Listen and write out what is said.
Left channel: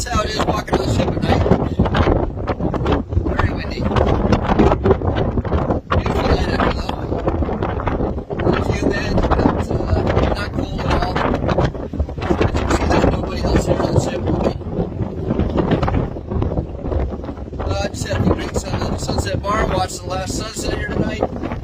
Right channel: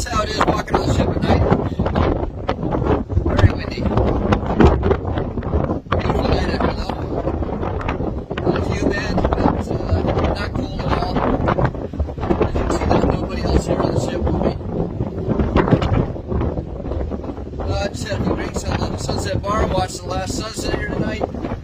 That's how it is walking on the ship at night. Very windy. Beautiful night out though. A few men, but not cold at all. As you can see, there's nobody else there on the ship with me. I just had to drink some at the Sunset Bar, watch the last sunset here tonight.